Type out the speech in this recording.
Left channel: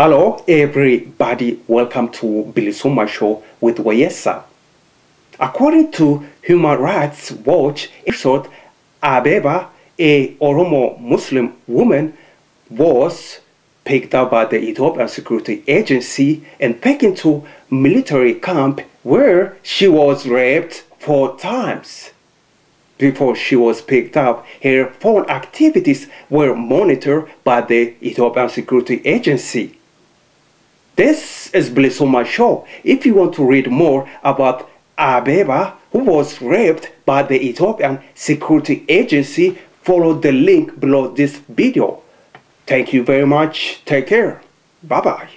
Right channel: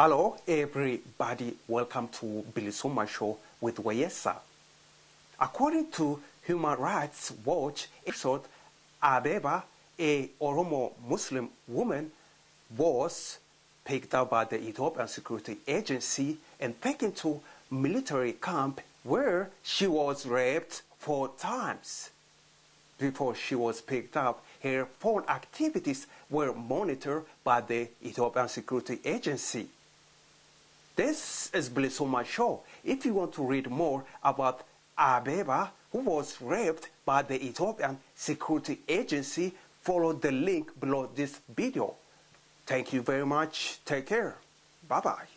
Hello everybody, welcome to Bilisuma Show with Wayesa. According to Human Rights Watch, episode Abeba, a Oromo Muslim woman, was picked up by the Ethiopian Security Agency and taken to military camp where she was raped 4 times. Before she was picked up, her phone activities were monitored by the Ethiopian Security Agency. This is Bilisuma Show. If you want to read more about Abeba, who was raped by the Ethiopian Security Agency, follow the link below this video. Thank you very much. Take care. Bye-bye.